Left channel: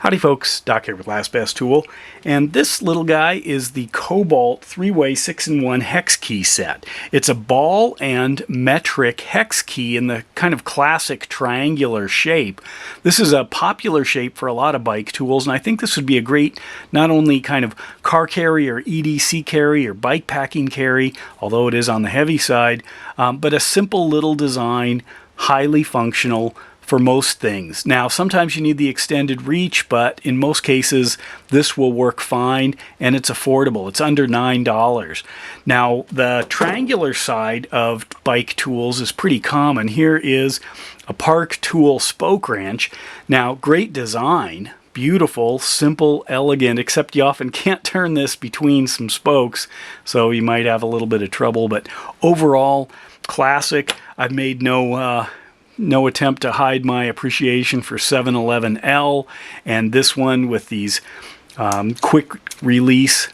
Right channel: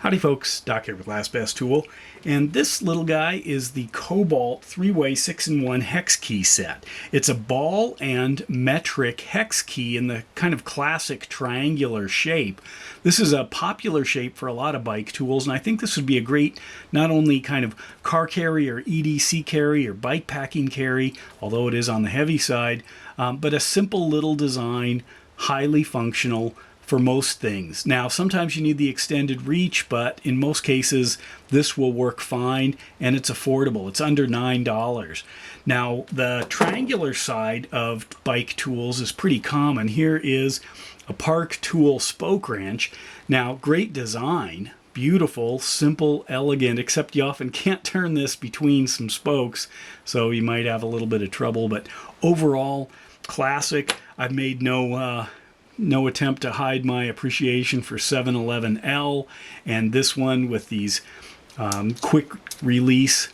Howdy folks, Doc here with Last Best Tool, and this little guy is the Kobalt 3-way 6-in-1 hex key set. It's a ball and metric hex key in the kind of classic triangular shape. This is a popular shape for a lot of bike tools, and I think this would be a great not only kind of car carry or EDC carry or bike packing carry, although it is on the heavy side, but a simple little design, highly functional, for most things. Now, sometimes you need the extended reach, but in most cases, this will work fine, and it's affordable. It's under $9. Now, the triangular side of bike tools is pretty common. Here is a Park Tool spoke wrench. Now, great design, beautiful, simple, elegant, except you often can't turn this between some spokes, so you might have a little bit of trouble, but overall, classic. I've made no attempt to hide my appreciation for 711L, and this one with these quick release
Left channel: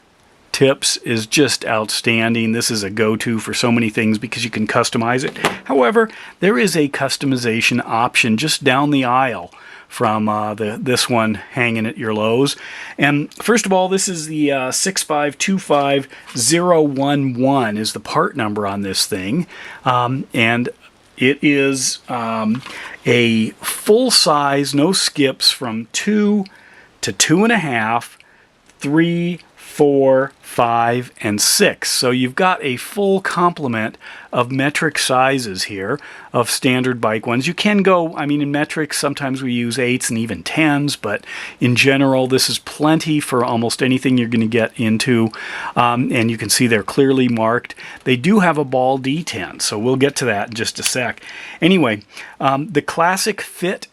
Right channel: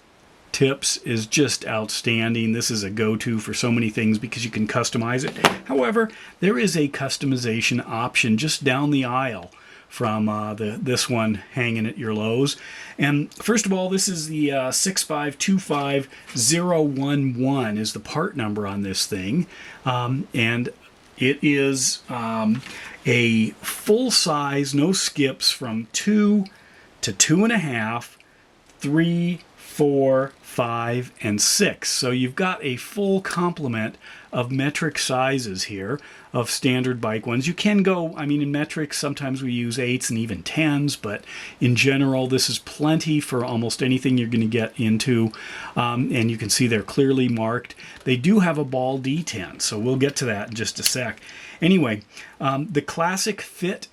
tips is just outstanding. This is a go-to for so many things because you can customize it. However, there is a customization option just down the aisle from this one hanging at your Lowe's. And first of all, this is the 6525011 is the part number on this thing, and it is a full size, no skips, from 2 to 2.5, 3, 4, 5, and 6. So you've got a full complement of metric sizes here of standard bike ones. You can go, I mean, in metric, sometimes we use 8s and even 10s, but in general, this is plenty for almost anything you're going to get into. And you can see they're clearly marked. They do have a ball detent, so we'll get to that in just a sec. Anyway, the classic fit,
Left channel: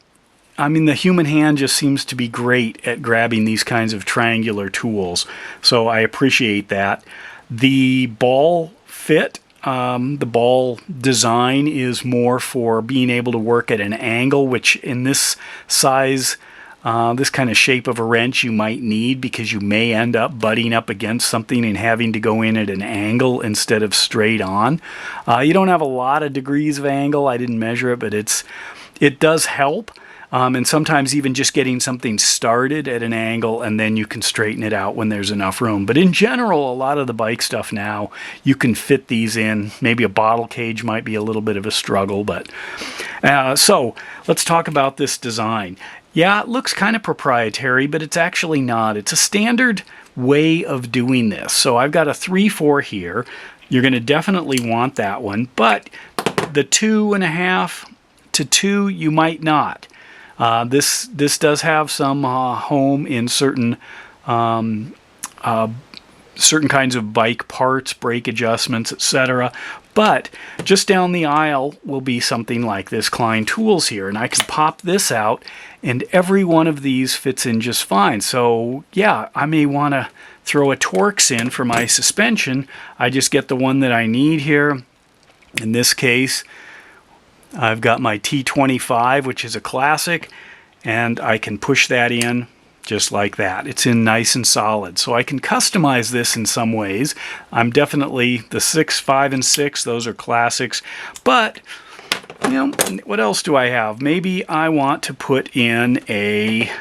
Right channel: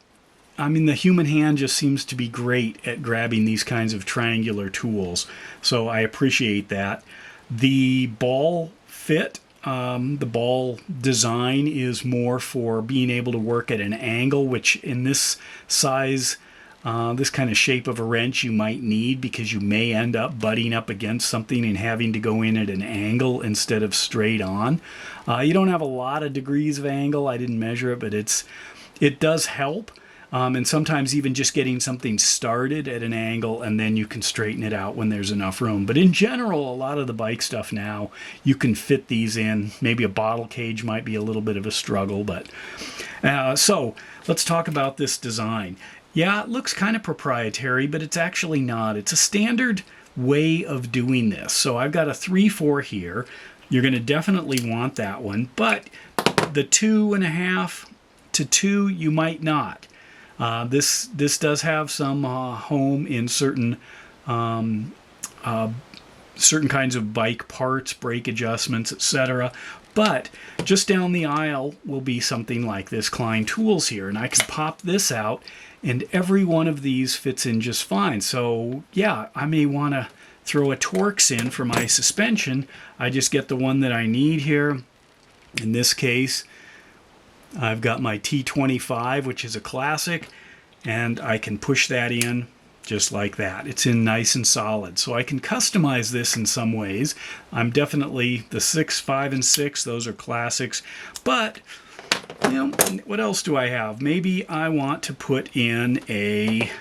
I mean, the human hand just seems to be great at grabbing these kinds of triangular tools, so I appreciate that. The ball fit, the ball design is more for being able to work at an angle, which in this size, this kind of shape of a wrench you might need because you may end up butting up against something and having to go in at an angle instead of straight on. You don't have a lot of degrees of angle. I didn't measure it, but it does help. And sometimes even just getting something started at an angle and then you can straighten it out when there's enough room. But in general, a lot of the bike stuff now, you can fit these in. Maybe a bottle cage might be a little bit of a struggle, but so let's talk about this design. Yeah, it looks kind of proprietary, but it's actually not. It's a standard way of doing this. So I've got a 3-4 here. You're going to definitely want that one, but the 2.5 to 2, you might not. This does have some home in certain kinds of bike parts, brake adjustments, etc. But just down the aisle will be something like this Klein tools here, and I can pop this out, and every one of these fits in just fine. So yeah, I may want to throw a Torx in for my suspension. I just get the one that I need here. In this case, I've got my T25, which is a classic, and I can push that in just like that. It's in nice and solid. So I can customize this in some ways. I'm definitely the 6, 5, and 6. Those are classics. But, you know, what else do I have? Maybe I want to put in a,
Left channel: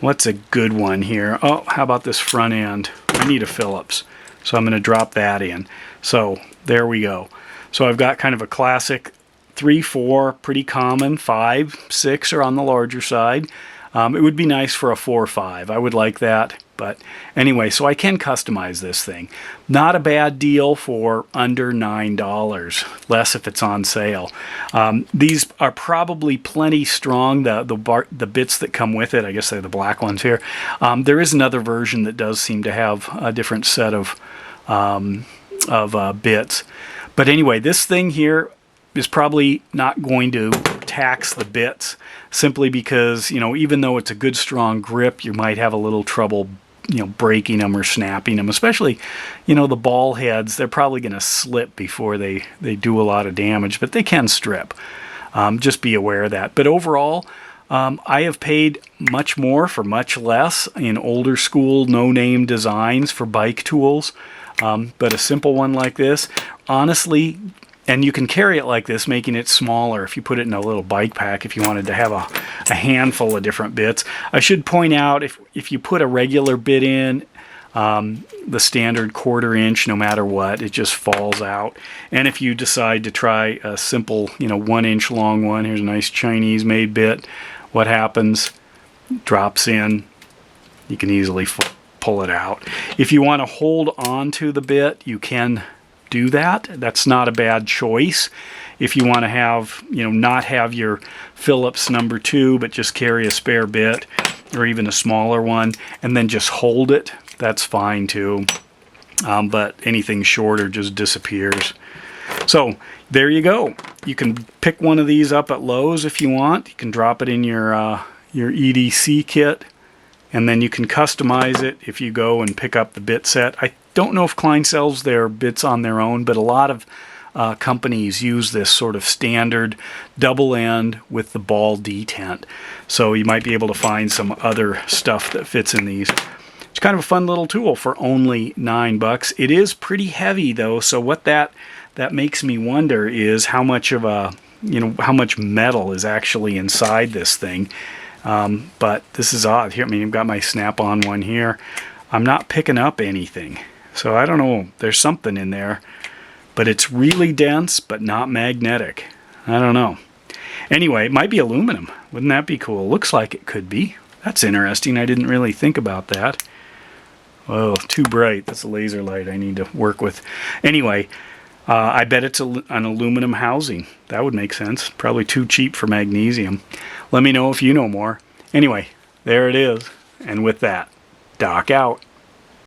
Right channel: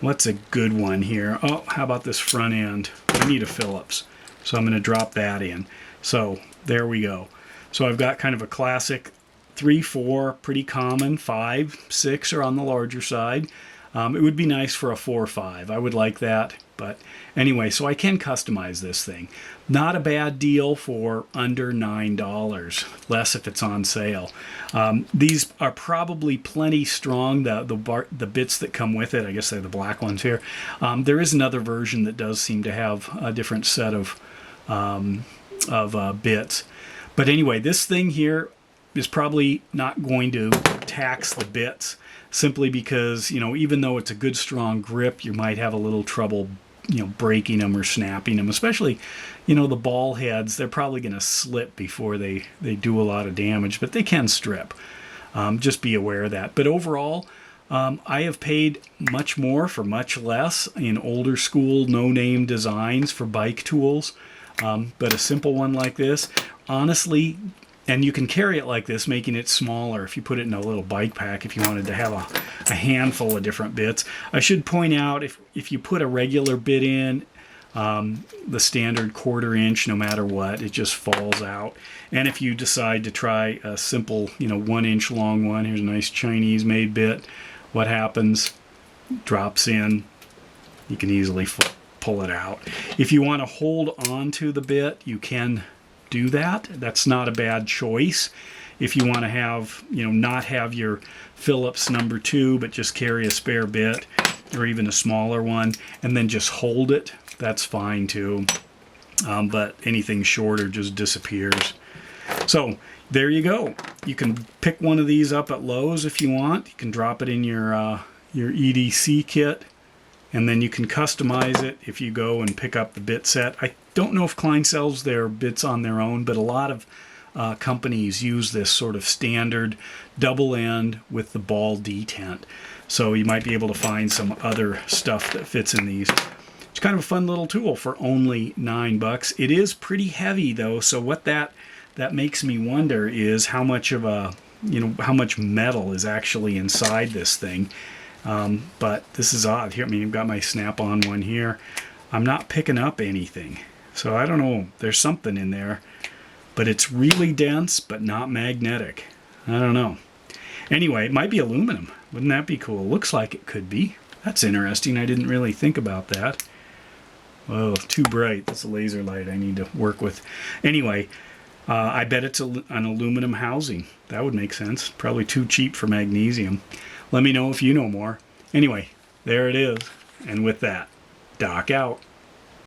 what's a good one here? Oh, how about this front end? I need a Phillips. So I'm going to drop that in. So there we go. So I've got kind of a classic 3-4, pretty common. 5, 6 are on the larger side. It would be nice for a 4-5. I would like that. But anyway, so I can customize this thing. Not a bad deal for under $9, less if it's on sale. These are probably plenty strong, the bits that come with it. I guess they're the black ones here. There is another version that does seem to have a different set of bits. But anyway, this thing here is probably not going to tax the bits simply because, you know, even though it's a good strong grip, you might have a little trouble, you know, breaking them or snapping them, especially, you know, the ball heads. They're probably going to slip before they do a lot of damage, but they can strip. Just be aware of that. But overall, I have paid much more for much less in older school no-name designs for bike tools. But a simple one like this, honestly, And you can carry it like this, making it smaller if you put it in a little bike pack if you wanted to have a handful of different bits. I should point out, if you put a regular bit in, the standard 1/4 inch, no matter what, it just falls out. And if you decide to try a simple, 1 inch long one, here's a nice Chinese made bit, what happens? Drops in, you can easily pull it out. If you want to hold on to the bit, you can do that. That's not a bad choice. If you want to have, not have your Phillips number 2, but just carry a spare bit or even a smaller one and then just hold it, that's fine too. But anything shorter just disappears. So there you go. You can pick one of these up at Lowe's if you want. You can drop it in your EDC kit, and then you can customize it if you go and pick up the bit set. I don't know if Klein sells their bits on their own, but a lot of companies use this sort of standard double end with the ball detent. So you might be able to find some other stuff that fits in these. It's kind of a fun little tool for only $9. It is pretty heavy though, so what that makes me wonder is how much of a, how much metal is actually inside this thing. But this is odd. Here, I've got my snap-on one here. I'm not picking up anything. So I don't know. There's something in there. But it's really dense, but not magnetic. I don't know. Anyway, it might be aluminum. Wouldn't that be cool? Looks like it could be. That's interesting. I didn't really think about that. Oh, too bright. That's a laser light I need to work with. Anyway, I bet it's an aluminum housing. That would make sense. Probably too cheap for magnesium. Let me know if you know more. Anyway, there it is. And with that, Doc out.